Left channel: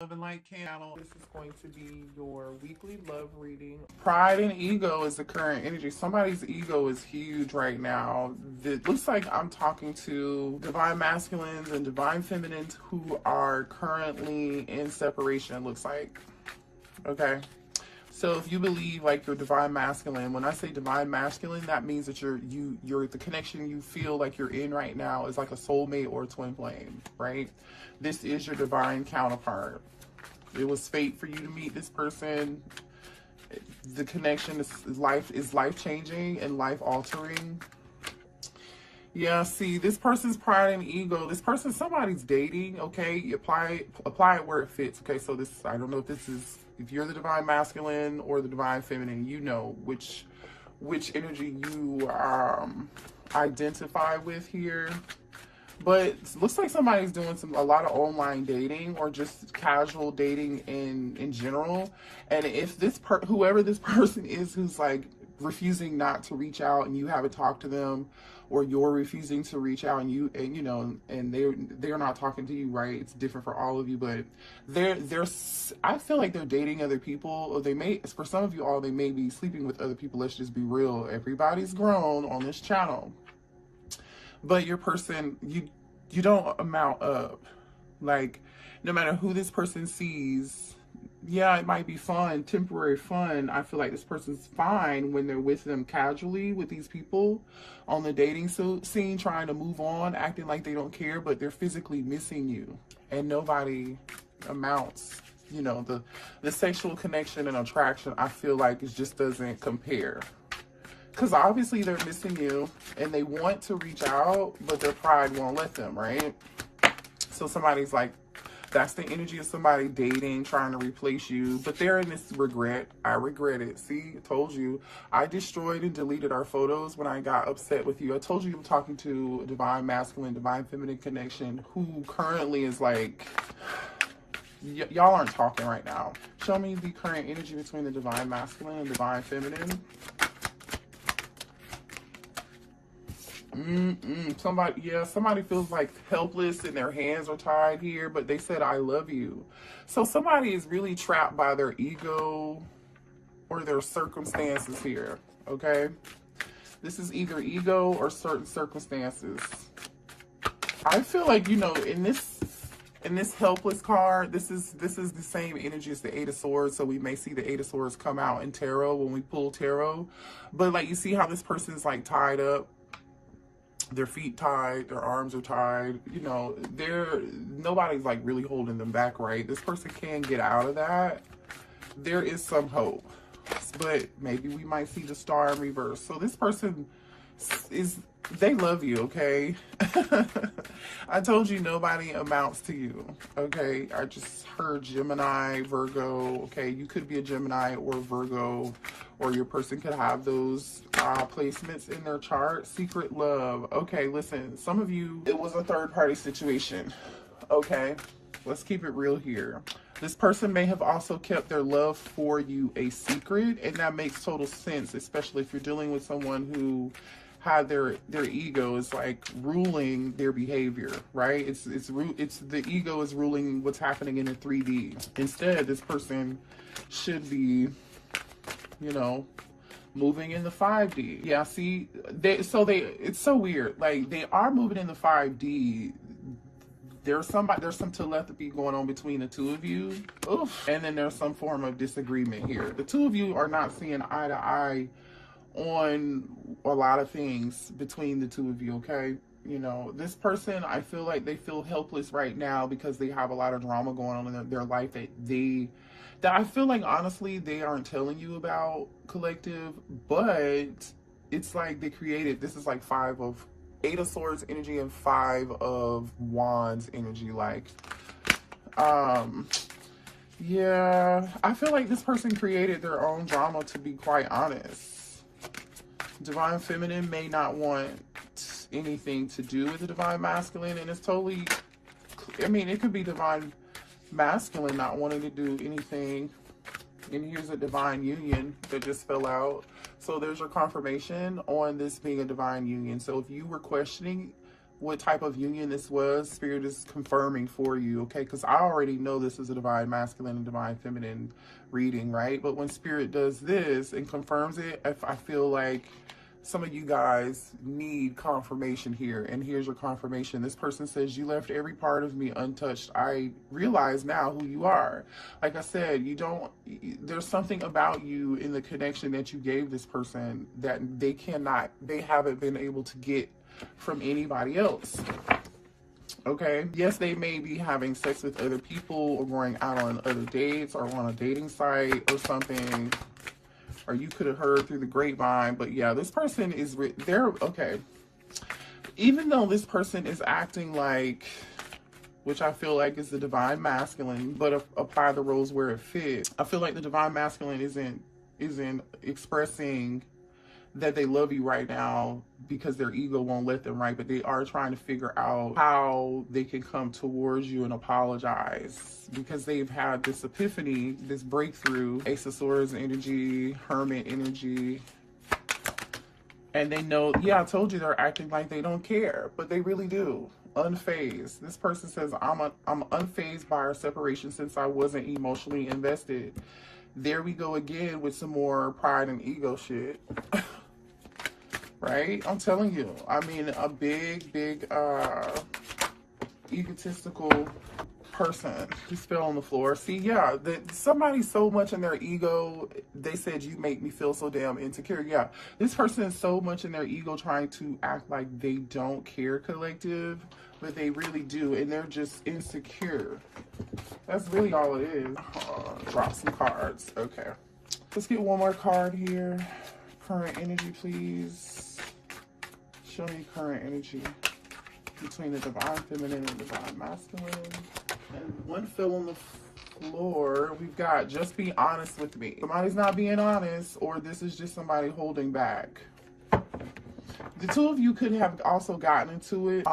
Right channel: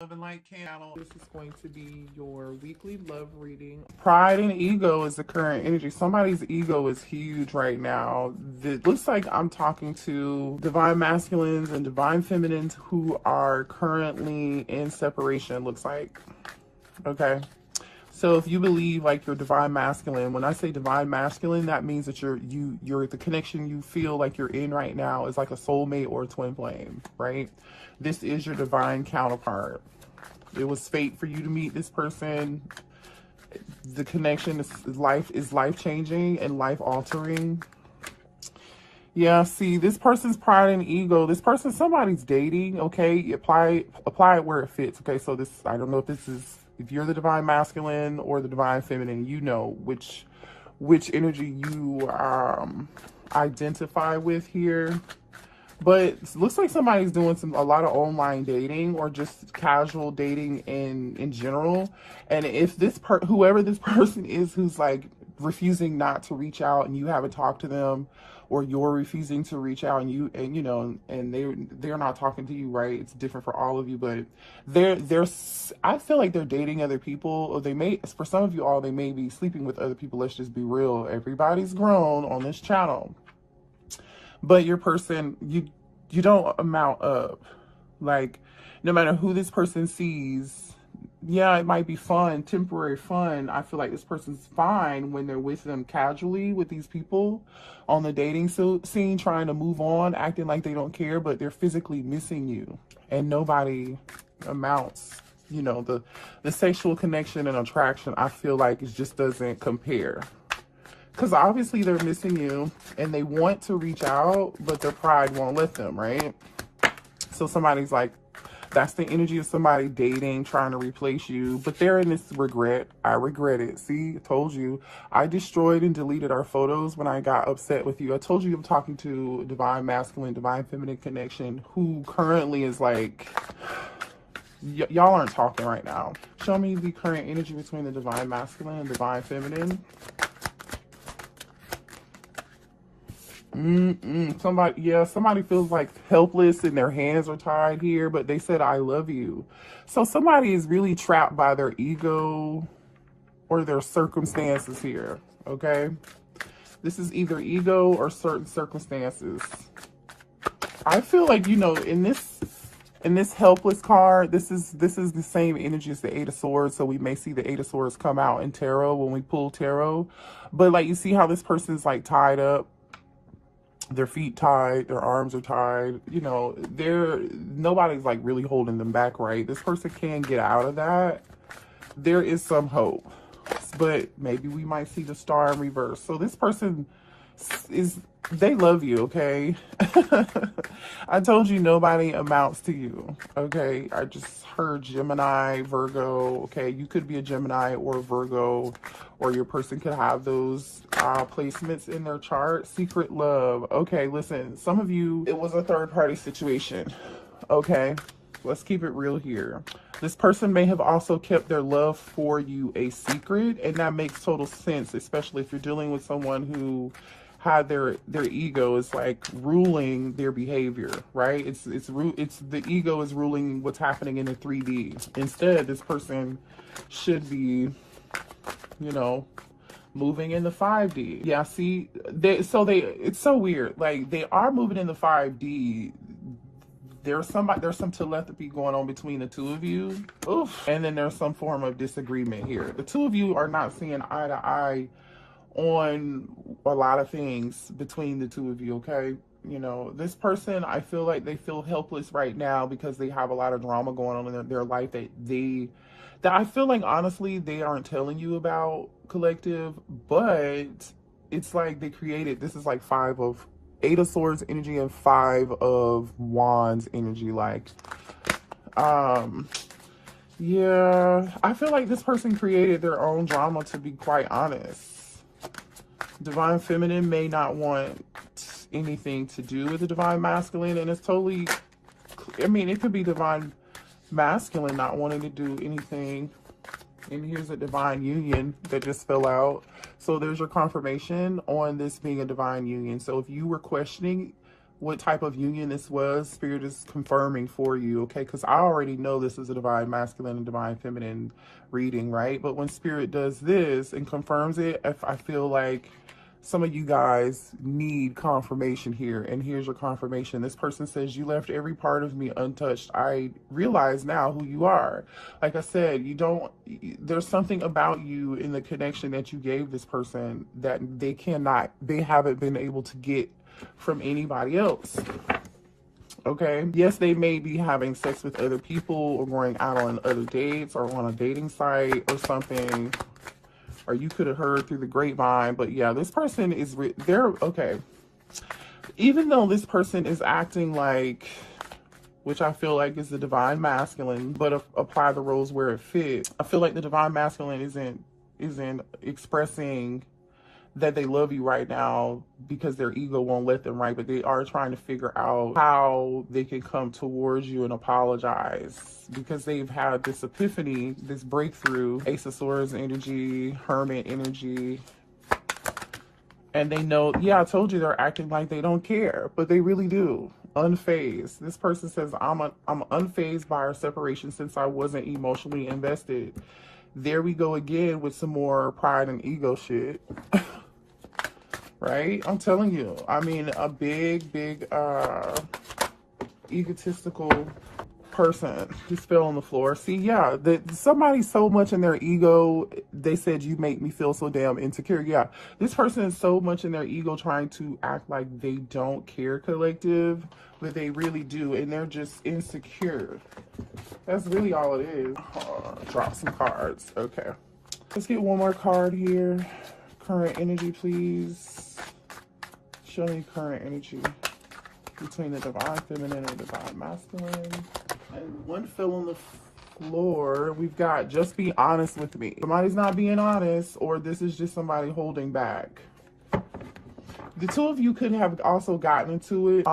Love and Light channel. This is going to be your weekly love reading. Pride and ego is the current energy. Somebody's ego is huge right now. It looks like I'm talking to divine masculines and divine feminines who are currently in separation, looks like. Okay. So if you believe like you're divine masculine, when I say divine masculine, that means that you're the connection you feel like you're in right now is like a soulmate or a twin flame, right? This is your divine counterpart. It was fate for you to meet this person. The connection is life changing and life altering. Yeah, see, this person's pride and ego. This person, somebody's dating. Okay, apply it where it fits. Okay, so this, I don't know if you're the divine masculine or the divine feminine. You know which energy you identify with here. But it looks like somebody's doing a lot of online dating or just casual dating in general. And if whoever this person is who's like refusing not to reach out and you haven't talked to them, or you're refusing to reach out and they're not talking to you, right? It's different for all of you, but I feel like they're dating other people, or for some of you all, they may be sleeping with other people. Let's just be real. Everybody's grown on this channel. But your person, you don't amount up. Like, no matter who this person sees, yeah, it might be fun, temporary fun. I feel like this person's fine when they're with them casually with these people on the dating scene, trying to move on, acting like they don't care, but they're physically missing you. And nobody amounts, the sexual connection and attraction, I feel like it just doesn't compare. Because obviously they're missing you and they want to reach out, but their pride won't let them, right? So somebody's like, that's the energy of somebody dating, trying to replace you. But they're in this regret. I regret it. See, I told you. I destroyed and deleted our photos when I got upset with you. I told you I'm talking to a divine masculine, divine feminine connection who currently is like, y'all aren't talking right now. Show me the current energy between the divine masculine and divine feminine. Somebody feels like helpless and their hands are tied here, but they said, I love you. So somebody is really trapped by their ego or their circumstances here, okay? This is either ego or certain circumstances. I feel like, in this helpless card, this is the same energy as the Eight of Swords, so we may see the Eight of Swords come out in tarot when we pull tarot. But like, you see how this person is like tied up, their feet tied, their arms are tied, nobody's like really holding them back, right? This person can get out of that. There is some hope, but maybe we might see the star in reverse. So this person they love you, okay? I told you nobody amounts to you, okay? I just heard Gemini, Virgo, okay? You could be a Gemini or a Virgo, or your person could have those placements in their chart. Secret love. Okay, listen, some of you, it was a third-party situation, okay? Let's keep it real here. This person may have also kept their love for you a secret, and that makes total sense, especially if you're dealing with someone who had their ego is like ruling their behavior, right? It's the ego is ruling what's happening in the 3D. Instead, this person should be, moving in the 5D. Yeah, see, it's so weird. Like, they are moving in the 5D. There's some telepathy going on between the two of you. Oof. And then there's some form of disagreement here. The two of you are not seeing eye to eye on a lot of things between the two of you, okay? This person, I feel like they feel helpless right now because they have a lot of drama going on in their life that I feel like, honestly, they aren't telling you about, collective, but it's like they created, this is like Eight of Swords energy and Five of Wands energy, like, yeah, I feel like this person created their own drama, to be quite honest. Divine feminine may not want anything to do with the divine masculine, and it's totally, it could be divine masculine not wanting to do anything. And here's a divine union that just fell out. So there's your confirmation on this being a divine union. So if you were questioning what type of union this was, Spirit is confirming for you, okay? Because I already know this is a divine masculine and divine feminine reading, right? But when Spirit does this and confirms it, I feel like some of you guys need confirmation here. And here's your confirmation. This person says, you left every part of me untouched. I realize now who you are. Like I said, there's something about you in the connection that you gave this person that they haven't been able to get from anybody else. Okay, yes, they may be having sex with other people or going out on other dates or on a dating site or something, or you could have heard through the grapevine. But yeah, this person they're okay. Even though this person is acting like, which I feel like is the divine masculine, but apply the roles where it fits. I feel like the divine masculine isn't expressing that they love you right now because their ego won't let them, right? But they are trying to figure out how they can come towards you and apologize because they've had this epiphany, this breakthrough, Ace of Swords energy, Hermit energy. And they know, yeah, I told you they're acting like they don't care, but they really do. Unfazed. This person says, I'm unfazed by our separation since I wasn't emotionally invested. There we go again with some more pride and ego shit. Right? I'm telling you. I mean, a big egotistical person just fell on the floor. See, yeah, somebody's so much in their ego. They said, you make me feel so damn insecure. Yeah, this person is so much in their ego trying to act like they don't care, collective, but they really do, and they're just insecure. That's really all it is. Drop some cards. Okay. Let's get one more card here. Current energy, please. Show me current energy between the divine feminine and divine masculine. And one fell on the floor. We've got, just be honest with me. Somebody's not being honest, or this is just somebody holding back. The two of you could have also gotten into it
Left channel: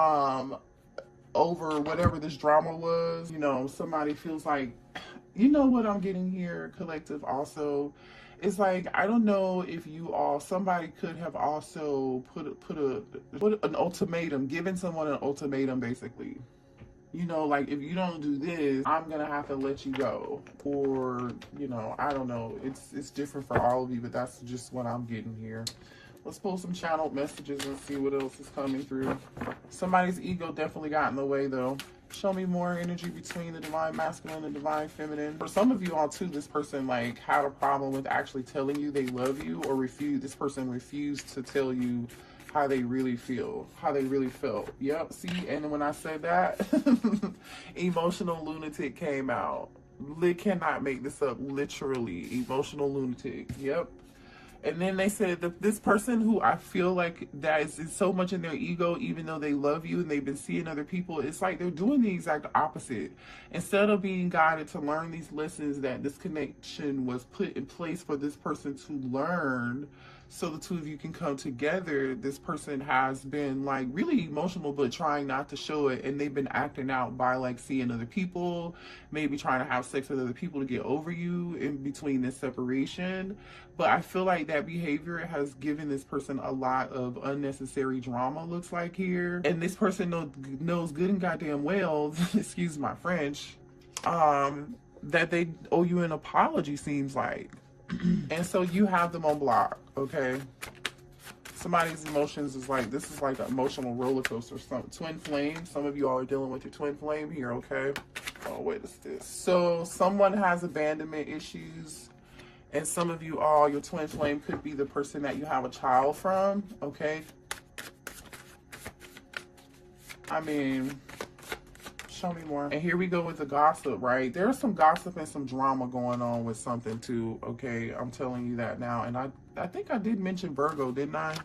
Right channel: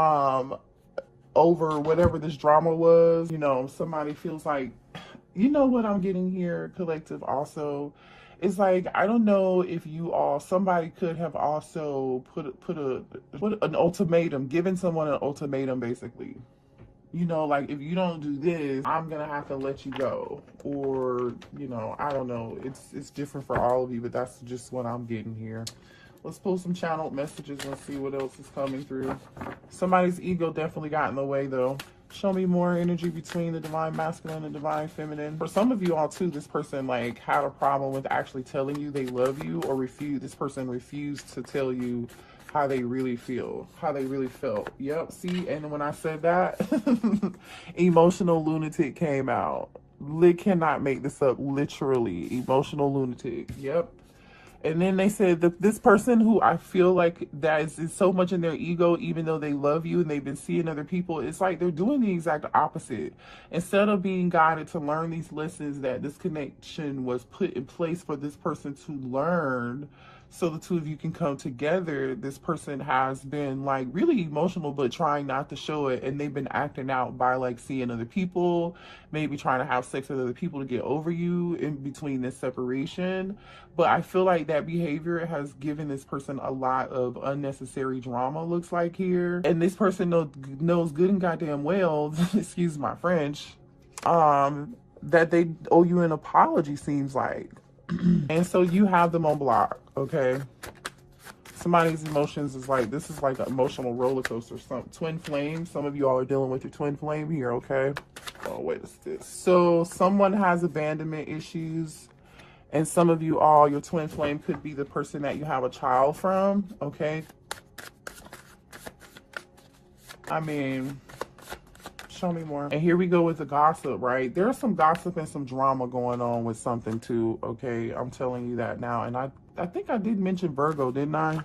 over whatever this drama was. You know, somebody feels like, you know what I'm getting here, collective, also. It's like, I don't know if somebody could have also put an ultimatum, given someone an ultimatum, basically. You know, like, if you don't do this, I'm gonna have to let you go. Or, you know, I don't know. It's different for all of you, but that's just what I'm getting here. Let's pull some channeled messages and see what else is coming through. Somebody's ego definitely got in the way, though. Show me more energy between the divine masculine and divine feminine. For some of you all too, this person like had a problem with actually telling you they love you, or this person refused to tell you how they really feel, how they really felt. Yep, see, and when I said that, emotional lunatic came out. They cannot make this up, literally. Emotional lunatic. Yep. And then they said that this person who I feel like that is so much in their ego, even though they love you and they've been seeing other people, it's like they're doing the exact opposite. Instead of being guided to learn these lessons that this connection was put in place for this person to learn, so the two of you can come together, this person has been like really emotional but trying not to show it, and they've been acting out by like seeing other people, maybe trying to have sex with other people to get over you in between this separation. But I feel like that behavior has given this person a lot of unnecessary drama, looks like here. And this person knows good and goddamn well, excuse my French, that they owe you an apology, seems like. And so you have them on block, okay? Somebody's emotions is like, this is like an emotional roller coaster. Some twin flame. Some of you all are dealing with your twin flame here, okay? Oh, what is this? So someone has abandonment issues, and some of you all, your twin flame could be the person that you have a child from, okay? I mean, show me more. And here we go with the gossip, right? There's some gossip and some drama going on with something too, okay? I'm telling you that now. And I think I did mention Virgo, didn't I?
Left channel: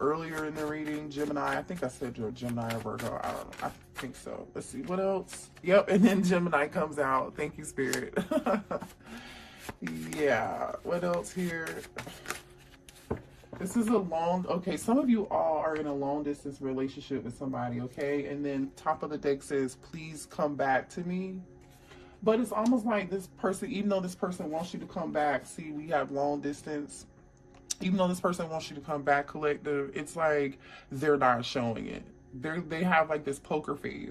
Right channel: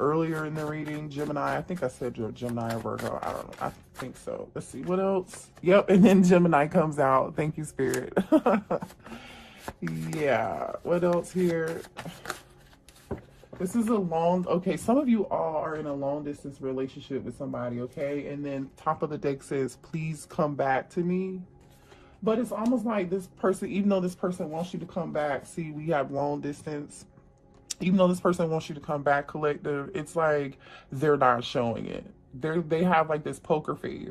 Earlier in the reading, Gemini. I think I said Gemini or Virgo. I don't know. I think so. Let's see, what else? Yep, and then Gemini comes out. Thank you, Spirit. Yeah, what else here? This is okay, some of you all are in a long distance relationship with somebody, okay? And then top of the deck says, please come back to me. But it's almost like this person, even though this person wants you to come back, see, we have long distance. Even though this person wants you to come back, collective, it's like they're not showing it. they have like this poker face.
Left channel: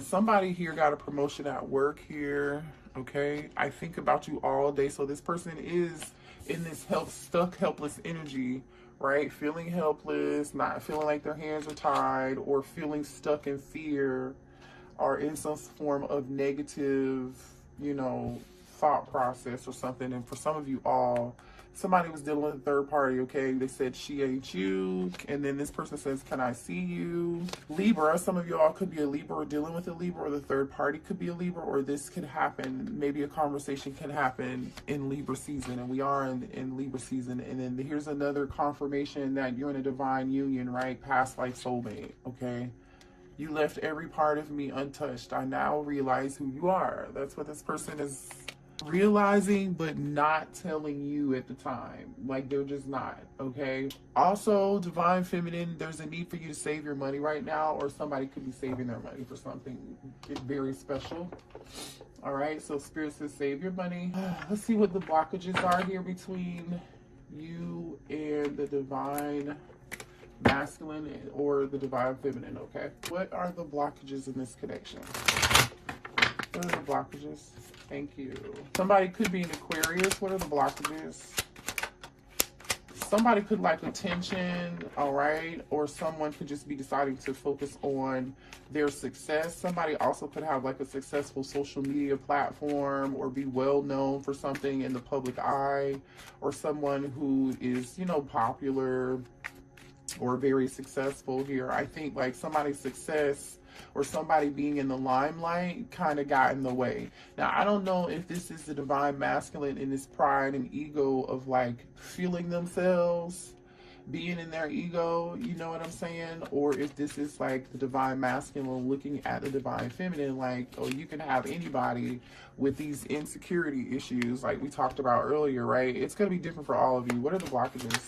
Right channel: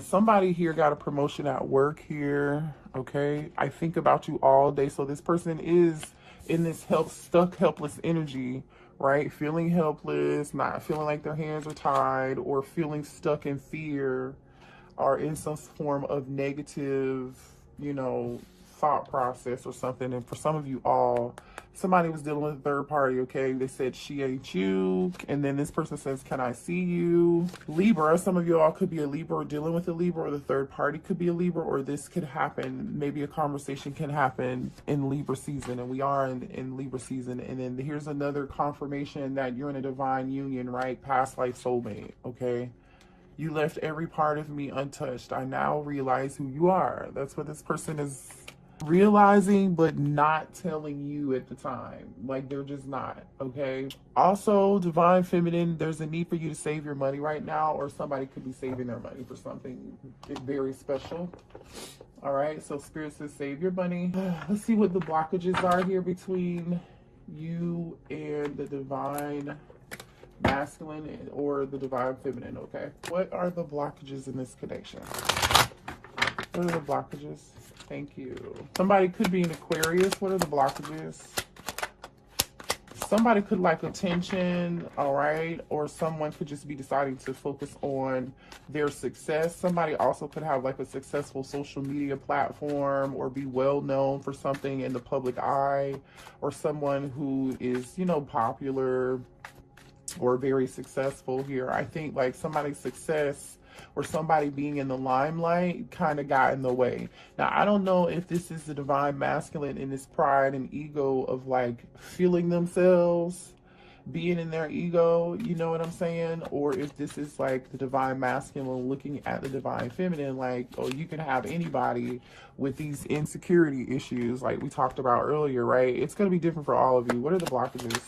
Somebody here got a promotion at work here. Okay, I think about you all day. So this person is in this stuck helpless energy, right? Feeling helpless, not feeling like their hands are tied, or feeling stuck in fear, or in some form of negative, you know, thought process or something. And for some of you all, somebody was dealing with a third party. Okay, they said she ain't you, and then this person says, can I see you? Libra, some of you all could be a Libra or dealing with a Libra, or the third party could be a Libra, or this could happen, maybe a conversation can happen in Libra season, and we are in Libra season. And then here's another confirmation that you're in a divine union, right? Past life soulmate. Okay, you left every part of me untouched. I now realize who you are. That's what this person is realizing, but not telling you at the time. Like, they're just not. Okay, also divine feminine, there's a need for you to save your money right now, or somebody could be saving their money for something very special. All right, so spirit says save your money. Let's see what the blockages are here between you and the divine masculine or the divine feminine. Okay, what are the blockages in this connection? What are the blockages? Thank you. Somebody could be an Aquarius. What are the blockages? Somebody could like attention, all right? Or someone could just be deciding to focus on their success. Somebody also could have like a successful social media platform, or be well known for something in the public eye, or someone who is, you know, popular or very successful here. I think like somebody's success or somebody being in the limelight kind of got in the way. Now, I don't know if this is the divine masculine in this pride and ego of like feeling themselves, being in their ego, you know what I'm saying? Or if this is like the divine masculine looking at the divine feminine, like, oh, you can have anybody with these insecurity issues like we talked about earlier, right? It's going to be different for all of you. What are the blockages?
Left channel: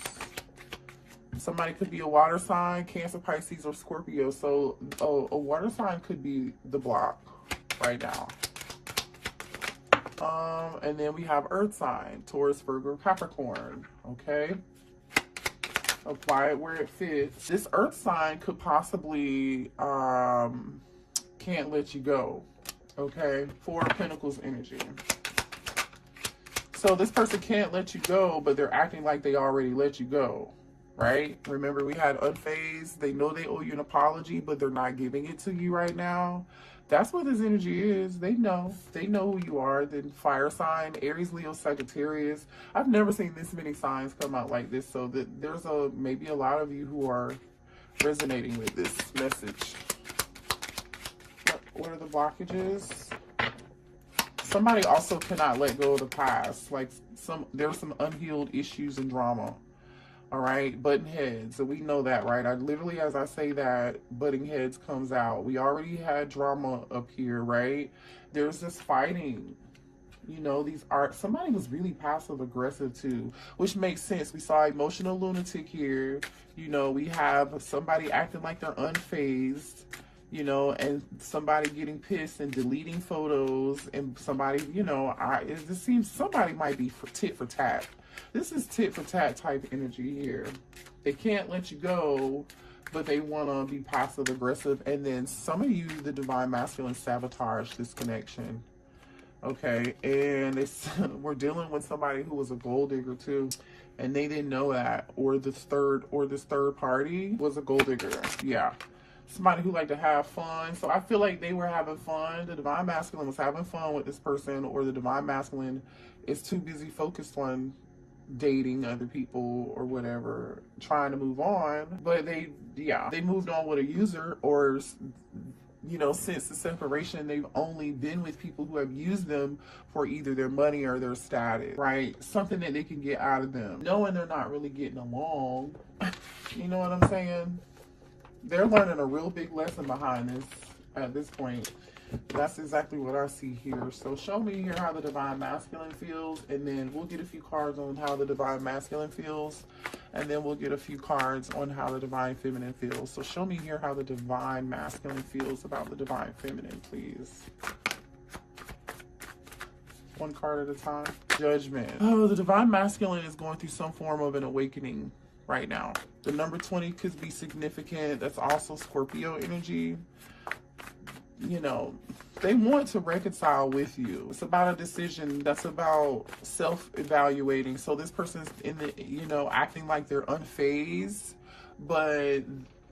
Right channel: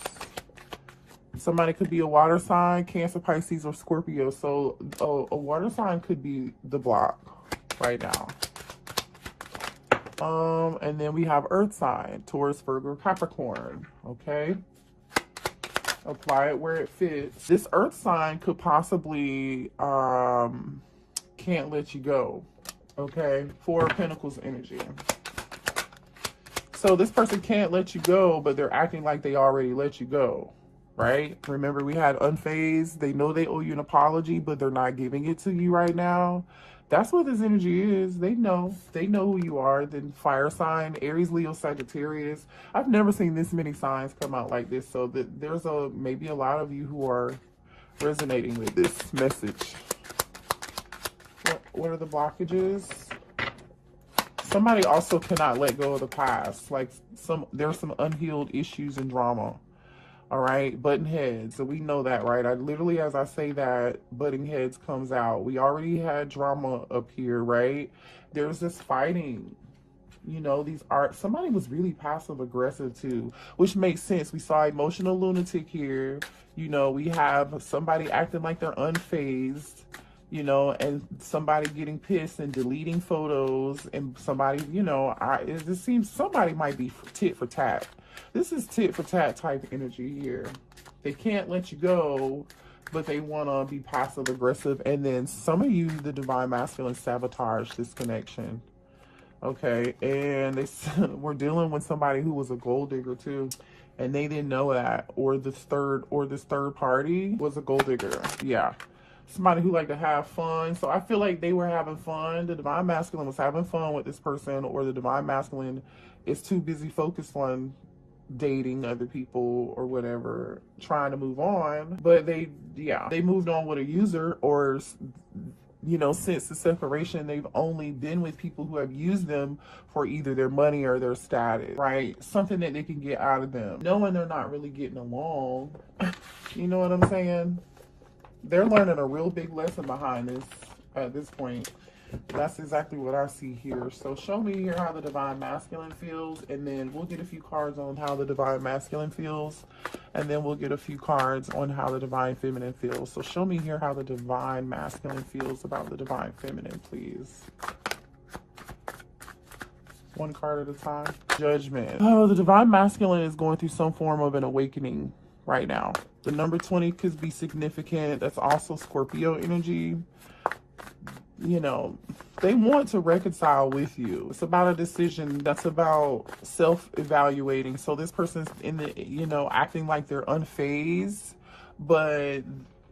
Somebody could be a water sign, Cancer, Pisces, or Scorpio. So a water sign could be the block right now. And then we have earth sign, Taurus, Virgo, Capricorn. Okay. Apply it where it fits. This earth sign could possibly can't let you go. Okay. Four of Pentacles energy. So this person can't let you go, but they're acting like they already let you go. Right? Remember, we had unfazed. They know they owe you an apology, but they're not giving it to you right now. That's what this energy is. They know who you are. Then fire sign, Aries, Leo, Sagittarius. I've never seen this many signs come out like this. So that there's maybe a lot of you who are resonating with this message. What are the blockages? Somebody also cannot let go of the past. Like there's some unhealed issues and drama. All right, button heads. So we know that, right? I literally, as I say that, butting heads comes out. We already had drama up here, right? There's this fighting. You know, somebody was really passive aggressive too, which makes sense. We saw emotional lunatic here. You know, we have somebody acting like they're unfazed, you know, and somebody getting pissed and deleting photos, and somebody, you know, it just seems somebody might be tit for tat. This is tit for tat type energy here. They can't let you go, but they want to be passive aggressive. And then some of you, the divine masculine, sabotage this connection. Okay, and we're dealing with somebody who was a gold digger too, and they didn't know that, or this third party was a gold digger. Yeah, somebody who liked to have fun. So I feel like they were having fun. The divine masculine was having fun with this person, or the divine masculine is too busy focused on dating other people or whatever, trying to move on. But they moved on with a user, or, you know, since the separation, they've only been with people who have used them for either their money or their status, right? Something that they can get out of them, knowing they're not really getting along. You know what I'm saying? They're learning a real big lesson behind this at this point. That's exactly what I see here. So show me here how the divine masculine feels, and then we'll get a few cards on how the divine masculine feels, and then we'll get a few cards on how the divine feminine feels. So show me here how the divine masculine feels about the divine feminine, please. One card at a time. Judgment. Oh, the divine masculine is going through some form of an awakening right now. The number 20 could be significant. That's also Scorpio energy. You know, they want to reconcile with you. It's about a decision. That's about self-evaluating. So this person's in the, you know, acting like they're unfazed, but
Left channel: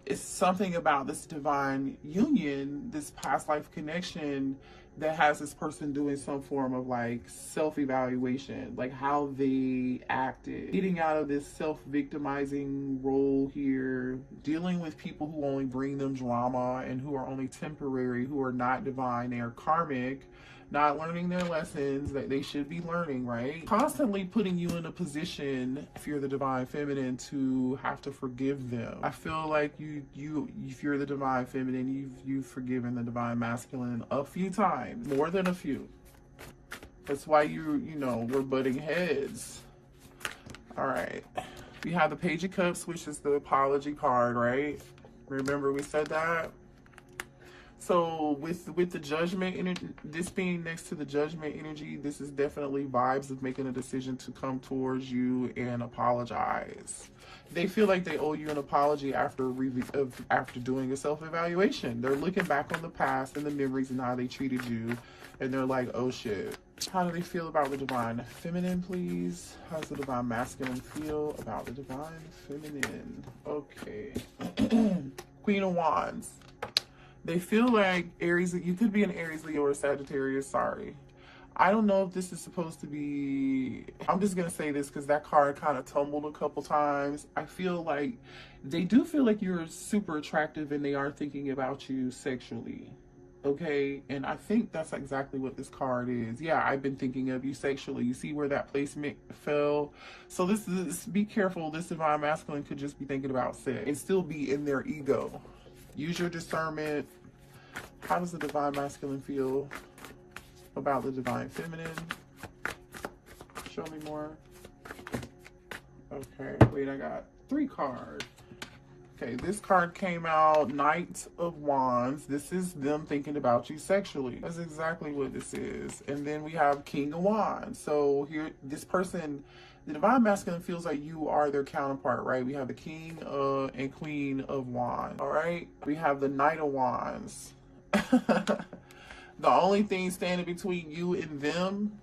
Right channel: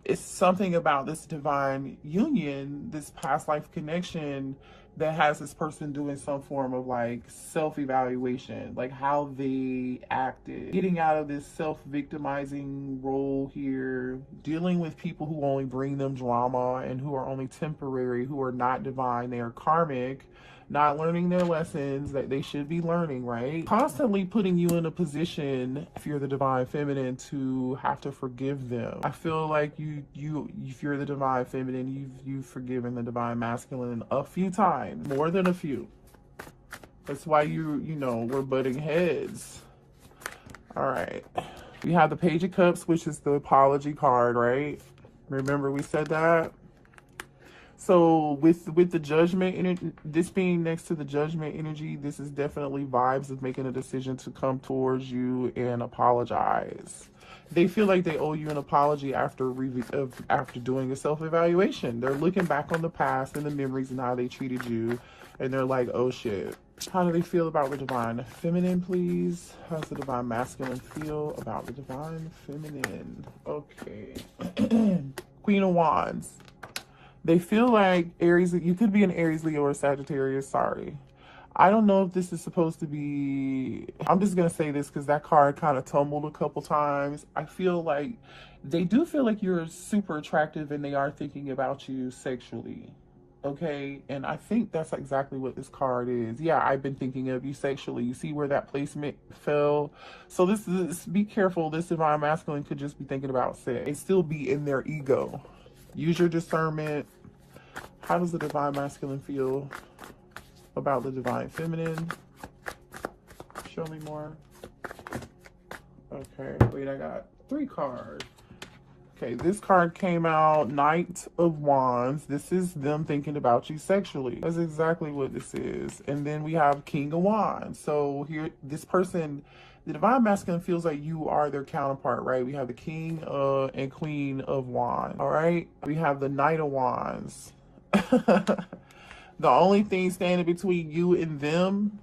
it's something about this divine union, this past life connection, that has this person doing some form of like self-evaluation, like how they acted, getting out of this self-victimizing role here, dealing with people who only bring them drama and who are only temporary, who are not divine, they are karmic, not learning their lessons that they should be learning, right? Constantly putting you in a position, if you're the divine feminine, to have to forgive them. I feel like if you're the divine feminine, you've forgiven the divine masculine a few times, more than a few. That's why you know, we're butting heads. All right. We have the Page of Cups, which is the apology card, right? Remember we said that? So with the judgment energy, this being next to the judgment energy, this is definitely vibes of making a decision to come towards you and apologize. They feel like they owe you an apology after doing a self-evaluation. They're looking back on the past and the memories and how they treated you, and they're like, oh shit. How do they feel about the divine feminine, please? How's the divine masculine feel about the divine feminine? Okay. Queen of Wands. They feel like Aries, you could be an Aries, Leo, or Sagittarius, sorry. I don't know if this is supposed to be, I'm just going to say this because that card kind of tumbled a couple times. I feel like they do feel like you're super attractive and they are thinking about you sexually. Okay, and I think that's exactly what this card is. Yeah, I've been thinking of you sexually. You see where that placement fell? So this is, be careful. This divine masculine could just be thinking about sex and still be in their ego. Use your discernment. How does the divine masculine feel about the divine feminine? Show me more. Okay, wait, I got 3 cards. Okay, this card came out, Knight of Wands. This is them thinking about you sexually. That's exactly what this is. And then we have King of Wands. So here, this person, the divine masculine feels like you are their counterpart, right? We have the King and Queen of Wands, all right? We have the Knight of Wands. The only thing standing between you and them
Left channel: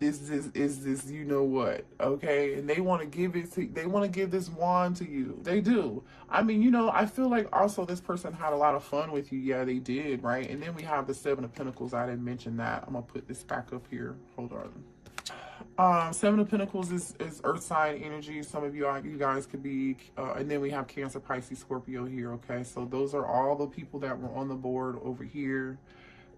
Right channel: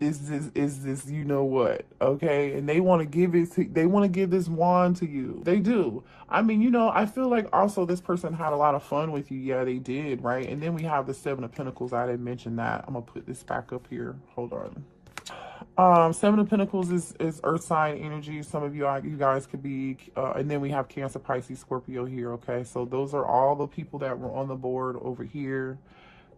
is this, you know what, okay? And they want to give it to, they want to give this wand to you. They do. I mean, you know, I feel like also this person had a lot of fun with you. Yeah, they did, right? And then we have the 7 of Pentacles. I didn't mention that. I'm gonna put this back up here. Hold on. 7 of Pentacles is earth sign energy. Some of you guys could be, and then we have Cancer, Pisces, Scorpio here, okay? So those are all the people that were on the board over here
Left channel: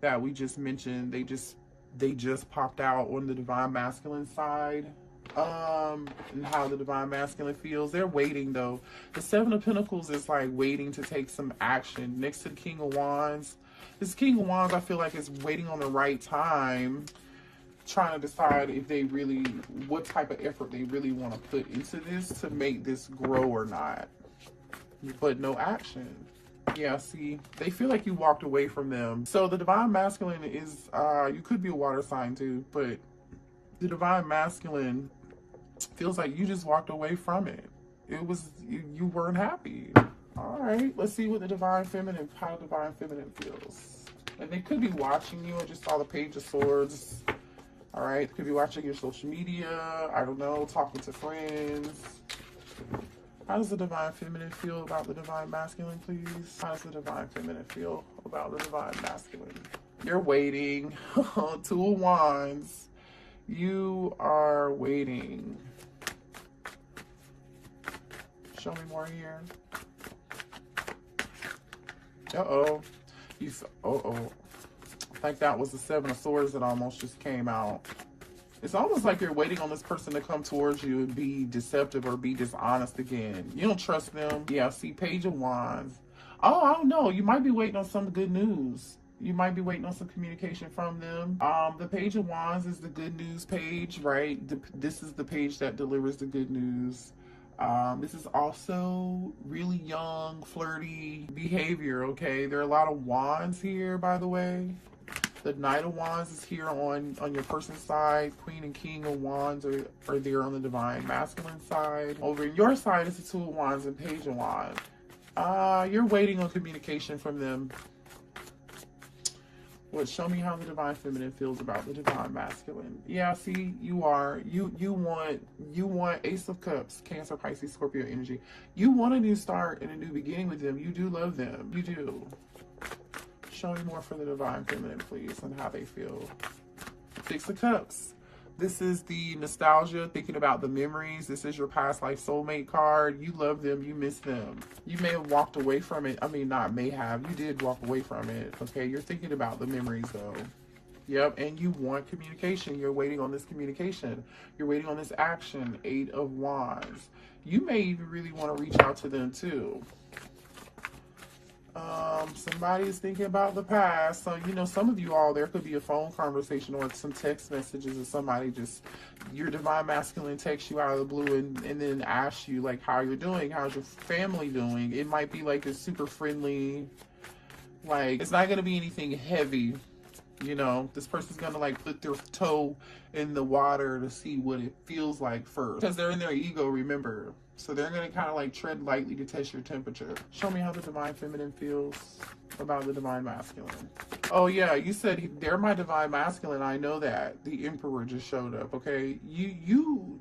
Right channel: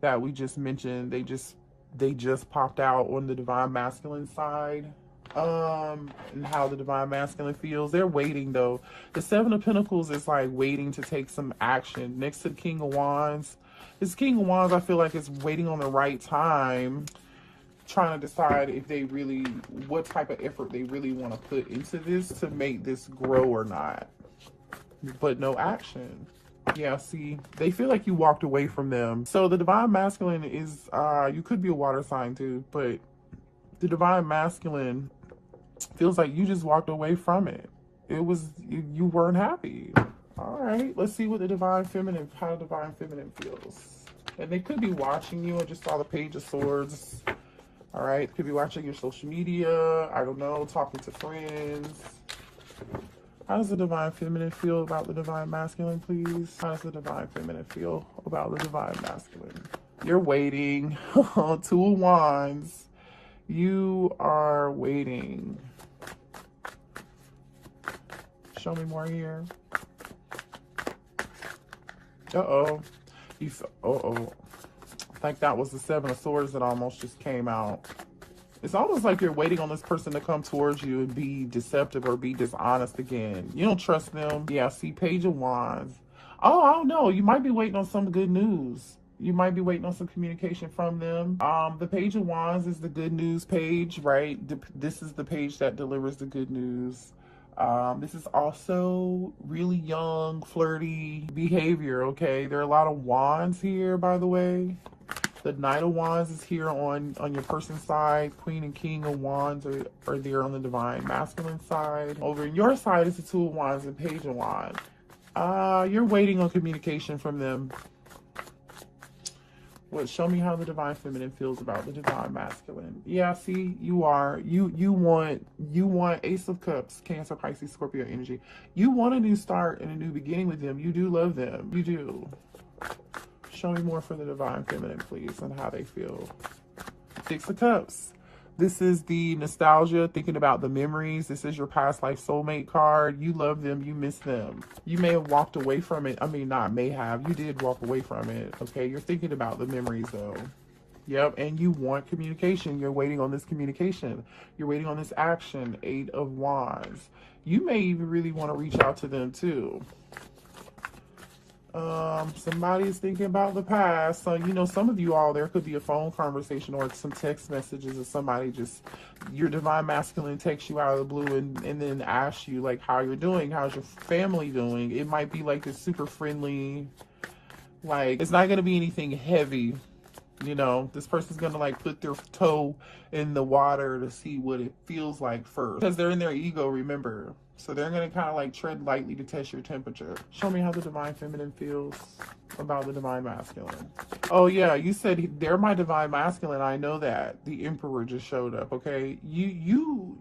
that we just mentioned. They just popped out on the divine masculine side. And how the divine masculine feels. They're waiting though. The 7 of Pentacles is like waiting to take some action. Next to the King of Wands, this King of Wands I feel like is waiting on the right time, trying to decide if they really, what type of effort they really want to put into this to make this grow or not. But no action. Yeah, see, they feel like you walked away from them. So the divine masculine is, you could be a water sign too, but the divine masculine feels like you just walked away from it. It was, you weren't happy. All right, let's see what the divine feminine, how the divine feminine feels. And they could be watching you. I just saw the Page of Swords. All right, could be watching your social media. I don't know, talking to friends. How does the divine feminine feel about the divine masculine, please? How does the divine feminine feel about the divine masculine? You're waiting. 2 of Wands. You are waiting. Show me more here. Uh-oh. Uh-oh. I think that was the 7 of Swords that almost just came out. It's almost like you're waiting on this person to come towards you and be deceptive or be dishonest again. You don't trust them. Yeah, see, Page of Wands. Oh, I don't know. You might be waiting on some good news. You might be waiting on some communication from them. The Page of Wands is the good news page, right? This is the page that delivers the good news. This is also really young, flirty behavior, okay? There are a lot of wands here, by the way. The Knight of Wands is here on your person's side. Queen and King of Wands are there on the divine masculine side. Over in your side is the Two of Wands and Page of Wands. You're waiting on communication from them. Well, show me how the divine feminine feels about the divine masculine. Yeah, see, you want Ace of Cups, Cancer, Pisces, Scorpio energy. You want a new start and a new beginning with them. You do love them. You do. Show me more for the divine feminine, please, and how they feel. Six of Cups. This is the nostalgia, thinking about the memories. This is your past life soulmate card. You love them. You miss them. You may have walked away from it. I mean, not may have. You did walk away from it. Okay, you're thinking about the memories, though. Yep, and you want communication. You're waiting on this communication. You're waiting on this action. Eight of Wands. You may even really want to reach out to them, too. Somebody's thinking about the past. So, you know, some of you all, there could be a phone conversation or some text messages, and somebody just, your divine masculine texts you out of the blue and then asks you, like, how you're doing, how's your family doing. It might be like a super friendly, like, it's not going to be anything heavy. You know, this person's going to like put their toe in the water to see what it feels like first. Because they're in their ego, remember. So they're going to kind of like tread lightly to test your temperature. Show me how the divine feminine feels about the divine masculine. Oh yeah, you said they're my divine masculine. I know that. The Emperor just showed up, okay? You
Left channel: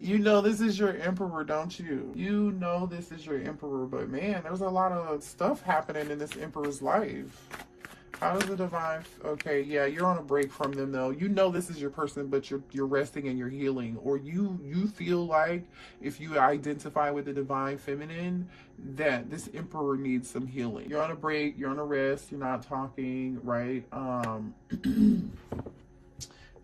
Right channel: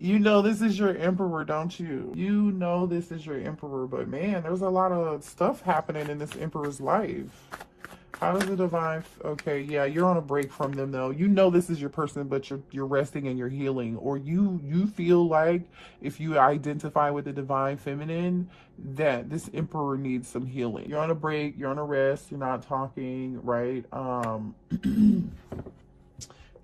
you know this is your Emperor, don't you? You know this is your Emperor, but man, there's a lot of stuff happening in this Emperor's life. How does the divine, okay, yeah, you're on a break from them though. You know this is your person, but you're resting and you're healing. Or you feel like if you identify with the divine feminine, that this Emperor needs some healing. You're on a break, you're on a rest, you're not talking, right? And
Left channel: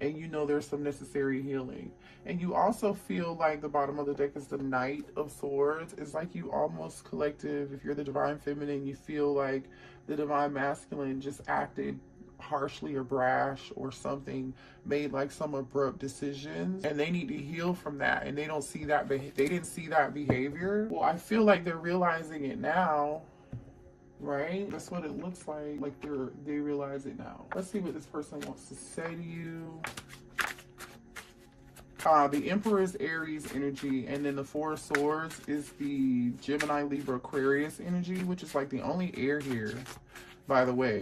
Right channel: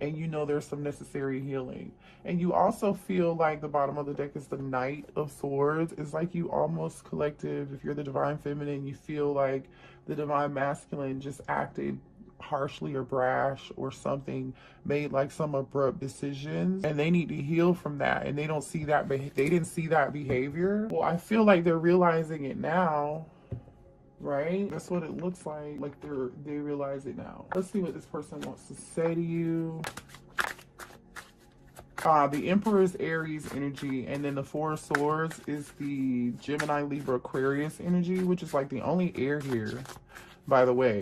you know there's some necessary healing. And you also feel like the bottom of the deck is the Knight of Swords. It's like you almost collective, if you're the divine feminine, you feel like the divine masculine just acted harshly or brash or something, made like some abrupt decisions, and they need to heal from that, and they don't see that, they didn't see that behavior. Well, I feel like they're realizing it now, right? That's what it looks like they realize it now. Let's see what this person wants to say to you. The Emperor is Aries energy, and then the Four of Swords is the Gemini, Libra, Aquarius energy, which is like the only air here, by the way.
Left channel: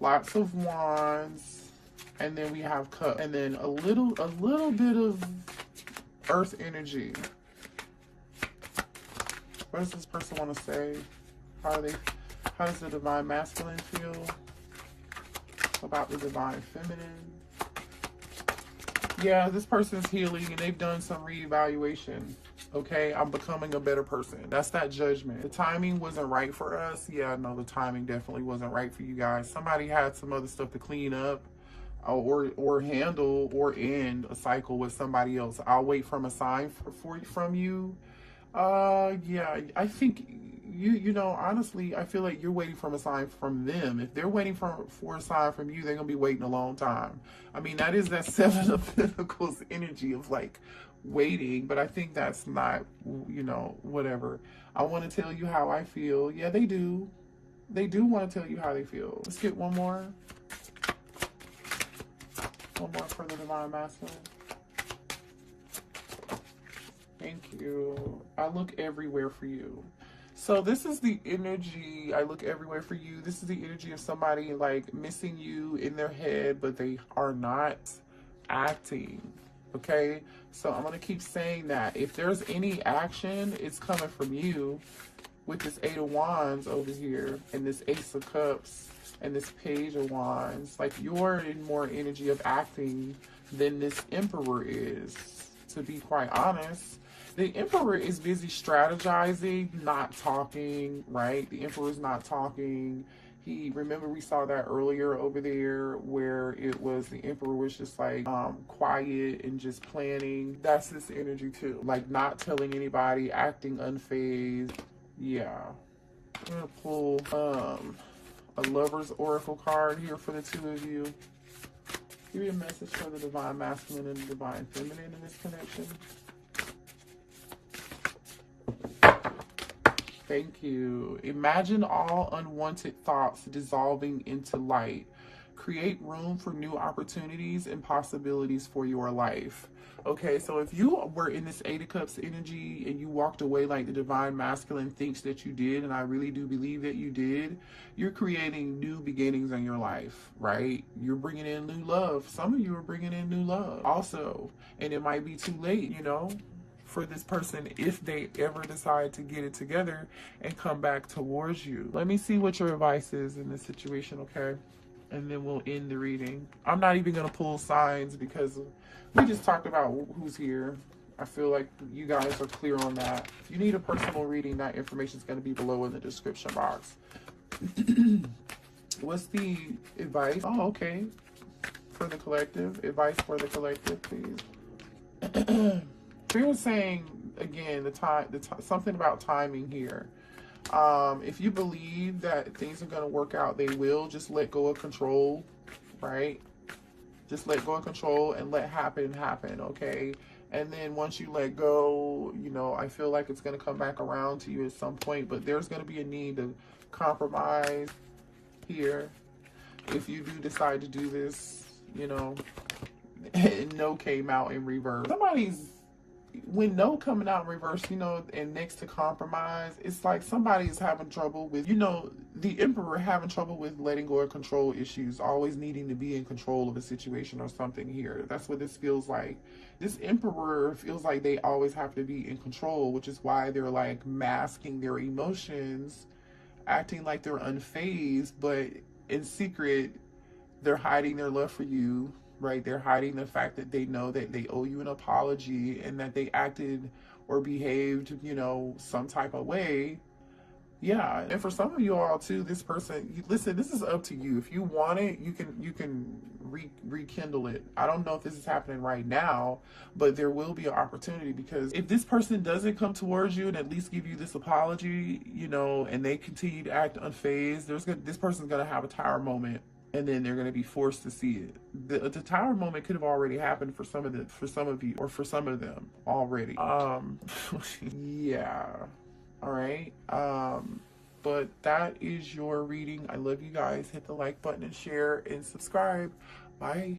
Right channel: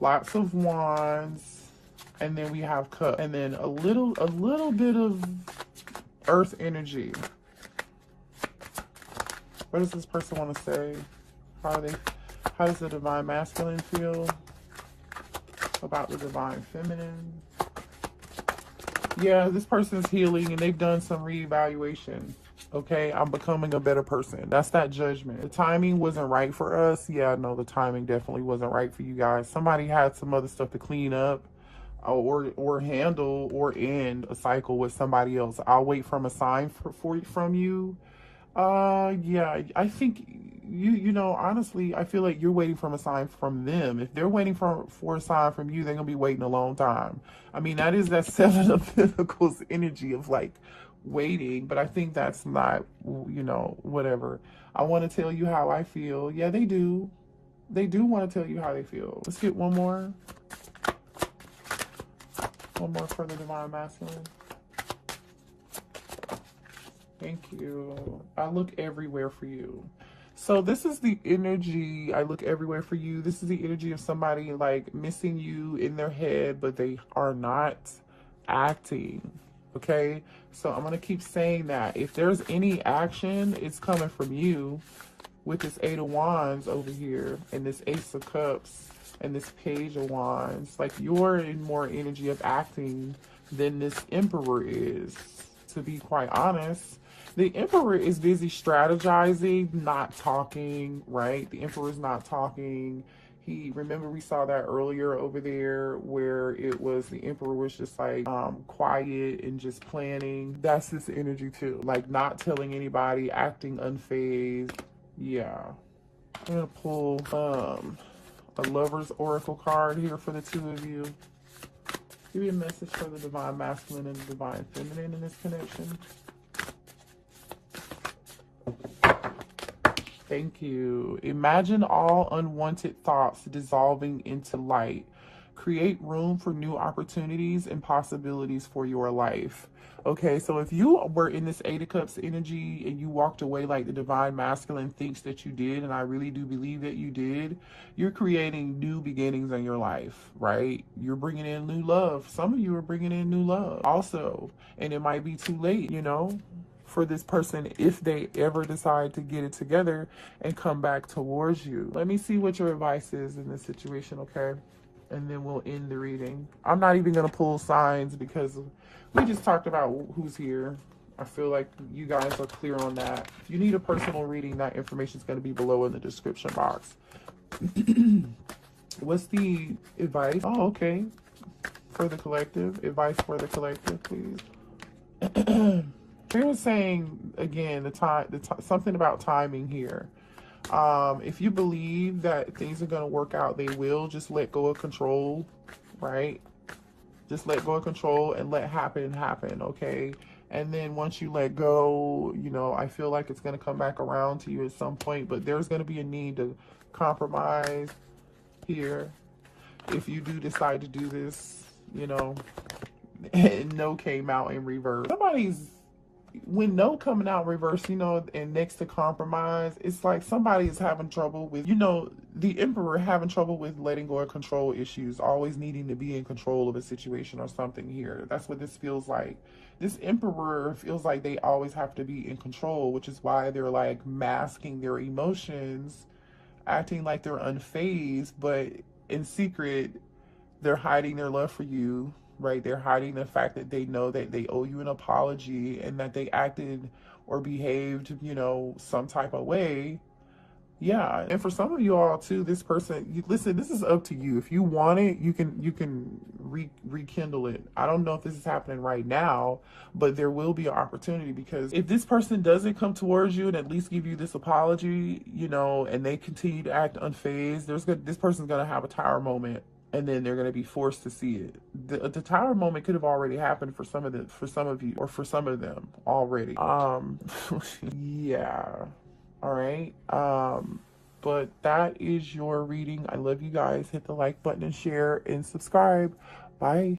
Lots of Wands, and then we have Cup, and then a little bit of Earth energy. What does this person want to say? How does the divine masculine feel about the divine feminine? Yeah, this person's healing and they've done some reevaluation. Okay, I'm becoming a better person. That's that judgment. The timing wasn't right for us. Yeah, no, the timing definitely wasn't right for you guys. Somebody had some other stuff to clean up or handle or end a cycle with somebody else. I'll wait from a sign from you. Yeah, I think you know, honestly, I feel like you're waiting from a sign from them. If they're waiting for a sign from you, they're gonna be waiting a long time. I mean, that is that Seven of Pentacles energy of like waiting, but I think that's not, you know, whatever. I want to tell you how I feel. Yeah, they do want to tell you how they feel. Let's get one more for the divine masculine. Thank you. I look everywhere for you. So this is the energy, I look everywhere for you. This is the energy of somebody like missing you in their head, but they are not acting. Okay? So I'm going to keep saying that. If there's any action, it's coming from you with this Eight of Wands over here and this Ace of Cups and this Page of Wands. Like you're in more energy of acting than this Emperor is, to be quite honest. The Emperor is busy strategizing, not talking, right? The Emperor's not talking. Remember we saw that earlier over there where it was the Emperor was just like quiet and just planning. That's this energy too. Like not telling anybody, acting unfazed. Yeah. I'm gonna pull a Lover's Oracle card here for the two of you. Give me a message for the divine masculine and the divine feminine in this connection. Thank you. Imagine all unwanted thoughts dissolving into light. Create room for new opportunities and possibilities for your life. Okay, so if you were in this Eight of Cups energy and you walked away like the divine masculine thinks that you did, and I really do believe that you did, you're creating new beginnings in your life, right? You're bringing in new love. Some of you are bringing in new love also, and it might be too late, for this person if they ever decide to get it together and come back towards you. Let me see what your advice is in this situation, okay? And then we'll end the reading. I'm not even going to pull signs because we just talked about who's here. I feel like you guys are clear on that. If you need a personal reading, that information is going to be below in the description box. What's the advice? Oh, okay. For the collective. Advice for the collective, please. They were saying, again, something about timing here. If you believe that things are going to work out, they will. Just let go of control, right? Just let go of control and let happen, okay? And then once you let go, I feel like it's going to come back around to you at some point, but there's going to be a need to compromise here. If you do decide to do this, no came out in reverse. When no coming out in reverse, and next to compromise, it's like somebody's having trouble with, the Emperor having trouble with letting go of control issues, always needing to be in control of a situation or something here. That's what this feels like. This Emperor feels like they always have to be in control, which is why they're like masking their emotions, acting like they're unfazed, but in secret, they're hiding their love for you. Right? They're hiding the fact that they know that they owe you an apology and that they acted or behaved, some type of way. Yeah. And for some of you all too, this person, listen, this is up to you. If you want it, you can rekindle it. I don't know if this is happening right now, but there will be an opportunity, because if this person doesn't come towards you and at least give you this apology, and they continue to act unfazed, this person's going to have a tower moment. And then they're going to be forced to see it. The tower moment could have already happened for some of you, or for some of them already. Yeah. All right. But that is your reading. I love you guys. Hit the like button and share and subscribe. Bye.